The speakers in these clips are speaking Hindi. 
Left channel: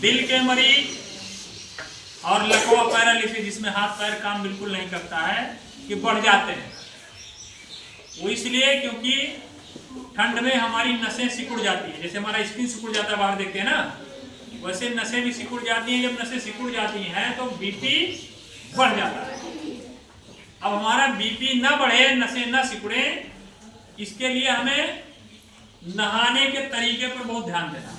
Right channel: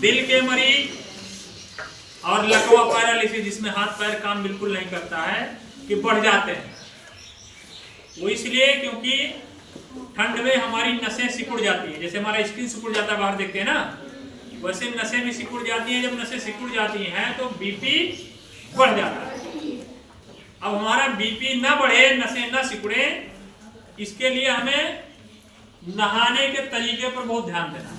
दिल के मरीज और लकवा पैरालिसिस जिसमें हाथ पैर काम बिल्कुल नहीं करता है कि बढ़ जाते हैं। वो इसलिए क्योंकि ठंड में हमारी नसें सिकुड़ जाती है, जैसे हमारा स्किन सिकुड़ जाता है बाहर देखते हैं ना, वैसे नसें भी सिकुड़ जाती है। जब नसें सिकुड़ जाती हैं तो बीपी बढ़ जाता है। अब हमारा बीपी ना बढ़े, नसें ना सिकुड़े, इसके लिए हमें नहाने के तरीके पर बहुत ध्यान देना है।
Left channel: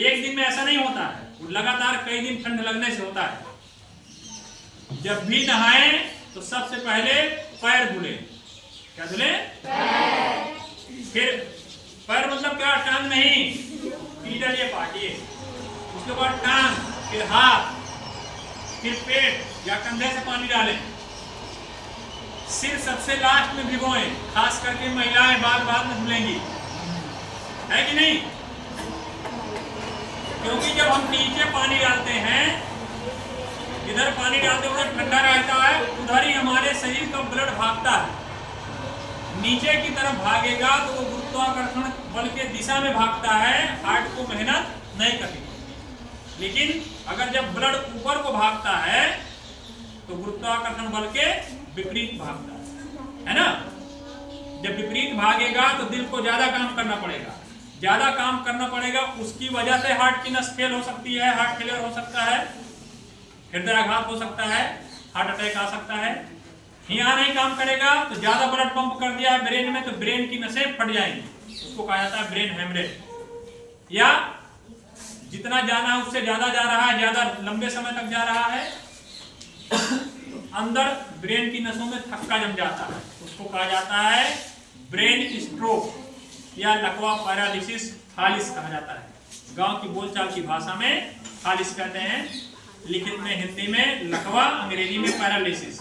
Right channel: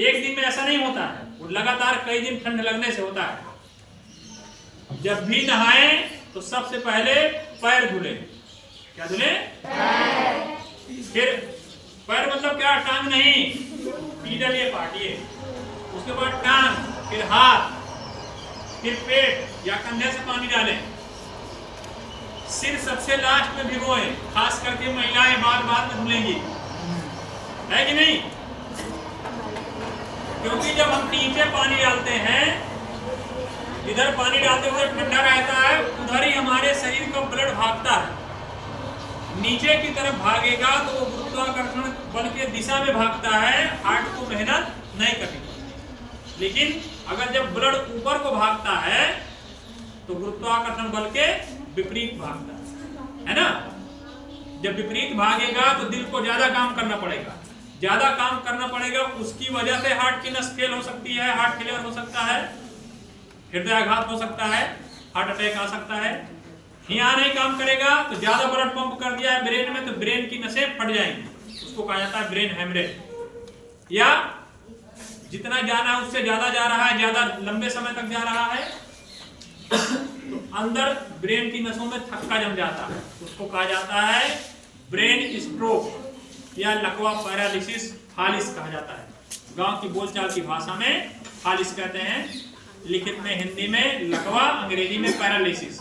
एक दिन में ऐसा नहीं होता है, वो लगातार कई दिन ठंड लगने से होता है। जब भी नहाएं तो सबसे पहले पैर धुले। क्या धुले? पैर। फिर पैर मतलब क्या? टांग नहीं, पीडल ये पाटिए। उसके बाद टांग, फिर हाथ, फिर पेट या कंधे से पानी डालें। सिर सबसे लास्ट में भिगोएं, खास करके महिलाएं बाद में धुलेंगी, है कि नहीं? क्योंकि जब हम नीचे पानी डालते हैं, इधर पानी डालते हुए ठंडा रहता है, उधर ही हमारे शरीर का ब्लड भागता है। नीचे की तरफ भागेगा तो वो गुरुत्वाकर्षण बल के दिशा में भागता है, हार्ट को मेहनत नहीं करेगी। लेकिन अगर जब ब्लड ऊपर को भागता है तो गुरुत्वाकर्षण बल के विपरीत भागता है ना। जब विपरीत भागेगा तो दिल को ज्यादा काम करना पड़ेगा, ज्यादा काम करना पड़ेगा। उसकी वजह से हार्ट की नस फेल हो सकती है, हार्ट फेलियर हो सकता है, हृदयाघात हो सकता है, हार्ट अटैक आ सकता है। यहाँ नहीं काम करेगा तो ज्यादा ब्लड पंप कर दिया है ब्रेन में तो ब्रेन की नसें फट जाएंगी, उसको कहा जाता है ब्रेन हेमरेज। या जितना जाना है उससे ज्यादा जा रहा है, ज्यादा लंबे समय तक जा रहा है तो अंदर ब्रेन की नसों में थक्का जम जाता है, उसको कहा जाता है ब्रेन स्ट्रोक या लकवा पैरालिसिस, फालिस कहा जाता है। गांव की बोलचाल की भाषा में फालिस कहते हैं, लिखित में हिंदी में लकवा, अंग्रेजी में पैरालिसिस।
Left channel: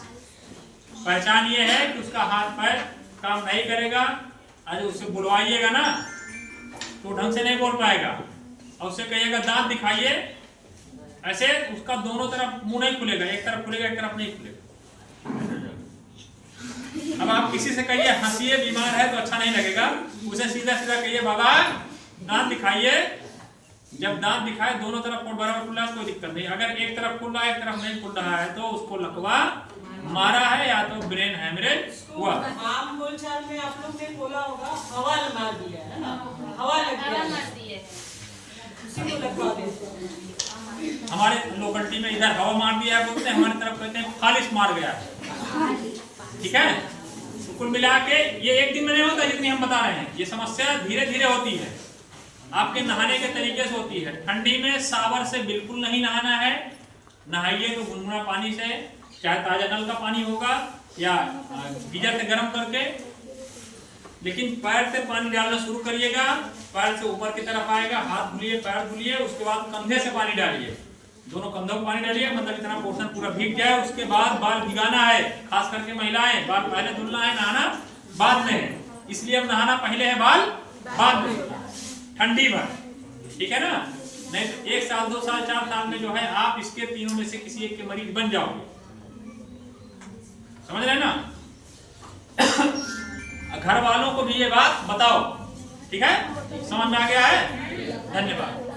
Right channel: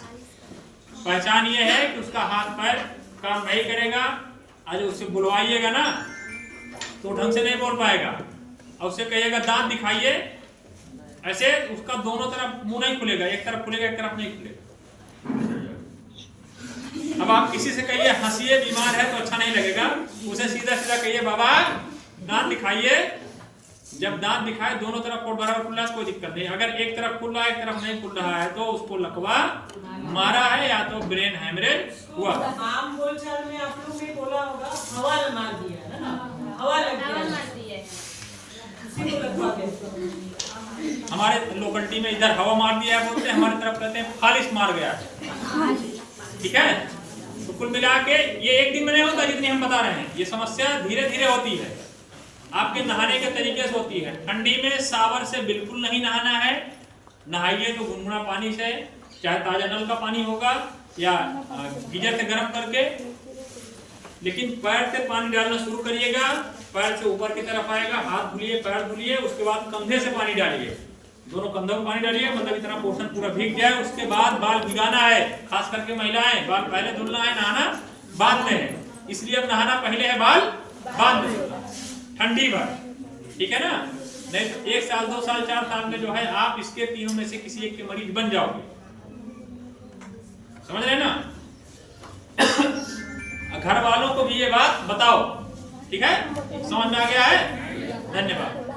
पहचान ये है कि उसका हाथ पैर काम नहीं करेगा। आज उससे बुलवाइएगा ना तो ढंग से नहीं बोल पाएगा, और उससे कहिएगा दांत दिखाइए, ऐसे उसका दोनों तरफ मुंह नहीं खुलेगा, एक तरफ खुलेगा एक तरफ नहीं खुलेगा। अब आप किसी से कहिए हंसिए, बीमार है तो अच्छा नहीं लगेगा, उसे सीधा सीधा कहिए बाबा दांत दिखाइए। जब दांत दिखाए दोनों तरफ कोट बराबर खुला है, कोई दिक्कत नहीं। अगर एक तरफ खुल रहा है एक तरफ नहीं खुल रहा है तो उसको लकवा मारा है या तो ब्रेन हेमरेज हुआ। आम बोलचाल में आप लोग ने बोला होगा हवा मार दिया है ना, हवा लग गया, उसी को लगवा देते। हमारे लोकलिटी में इधर हवा मार दिया है बोलते हैं, हमारी तरफ कहते हैं फालिस मार गया है। ठीक है, तो कुल मिला के ये एक दिन में नहीं होता जितनी हम बता रहे हैं, ये समस्या धीरे धीरे होती है। आपके नहाने के तरीके से होती है। ठंडी में सावर से बिल्कुल नहीं नहाना है, नहाइए तो गुनगुना पानी से, चाहे ताजा नल का पानी होगा या गीजर से गर्म करके। लेकिन पैर से पानी डालना शुरू करिएगा, पैर से ऊपर की तरफ आएगा, हाथ धुलिए, पैर धुलिए, उसके बाद कंधे से पानी डालिए, दोनों कंधों में पानी डालिए, मतलब इतना पोर्शन पूरा भीग जाए। उसके बाद बाल भिगाना है, खास करके महिलाएं, बाल पहले धुलना है, नहाना बाद में है। इसलिए अब नहाना पहले है, बाल बाद में, ठंडी भर, ठीक है ना। नहीं तो 1 साल 2 साल 4 साल में जो है आप इसके तीनों में से किसी एक के मरीज बन जाओगे, समझ रहे ना। घर वालों को भी ये बात बताओ, ठीक है, समझ में आ गया है। धन्यवाद।